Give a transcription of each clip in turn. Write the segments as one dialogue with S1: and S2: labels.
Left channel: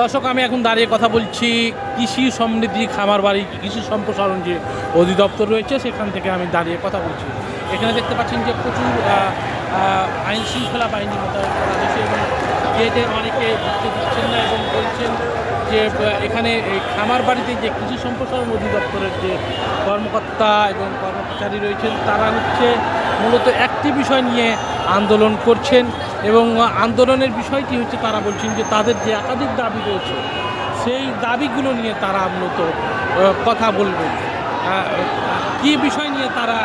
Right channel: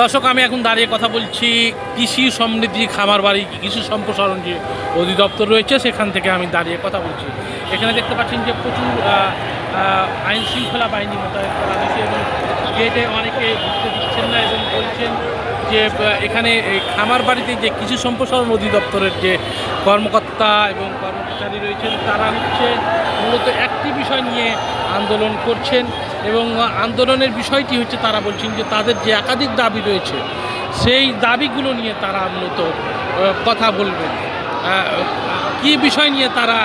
S1: দর্শক, আমি এখন দাঁড়িয়ে কথা বলছি কৃষি সমৃদ্ধি খামার বাড়ি, কৃষি সম্প্রসারণ যে অধিদপ্তর রয়েছে, সেখান থেকে আমি দাঁড়িয়ে কথা বলছি। এখানে দেখতে পাচ্ছেন যে প্রচুর আইন শৃঙ্খলা বাহিনী মোতায়েন করা হয়েছে এবং গেটে অনেকে ঢুকতে দিচ্ছেন না এবং বলছেন যে এখানে খামার বাড়িতে যে কৃষি সম্প্রসারণ অধিদপ্তরের যে কর্মকর্তা এবং কর্মচারী রয়েছেন, তারা হচ্ছে মূলত একটি বিষয় নিয়ে আন্দোলন করছেন এবং আন্দোলনের বিষয়টি হচ্ছে তারা বলছেন যে তাদের যে একাধিক দাবি রয়েছে সেই দাবিগুলো নিয়ে তারা মূলত কথা বলবেন। কি বিষয় নিয়ে তারা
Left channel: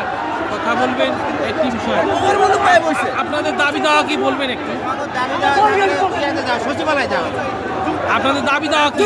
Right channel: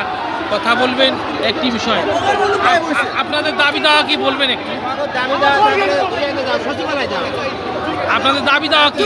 S1: কথা বলবেন? একটি বিষয়। আপ- আপ- আপনাদের দাবি দেওয়া কি বলবেন একটু? আপনাদের দাবি দেওয়া কি?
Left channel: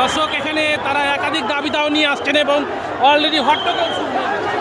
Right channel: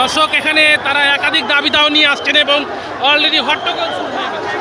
S1: দর্শক এখানে তারা একাধিক দাবি দাও নিয়ে আসছেন এবং অলরেডি হট্টগোল শুরু হয়ে গেছে।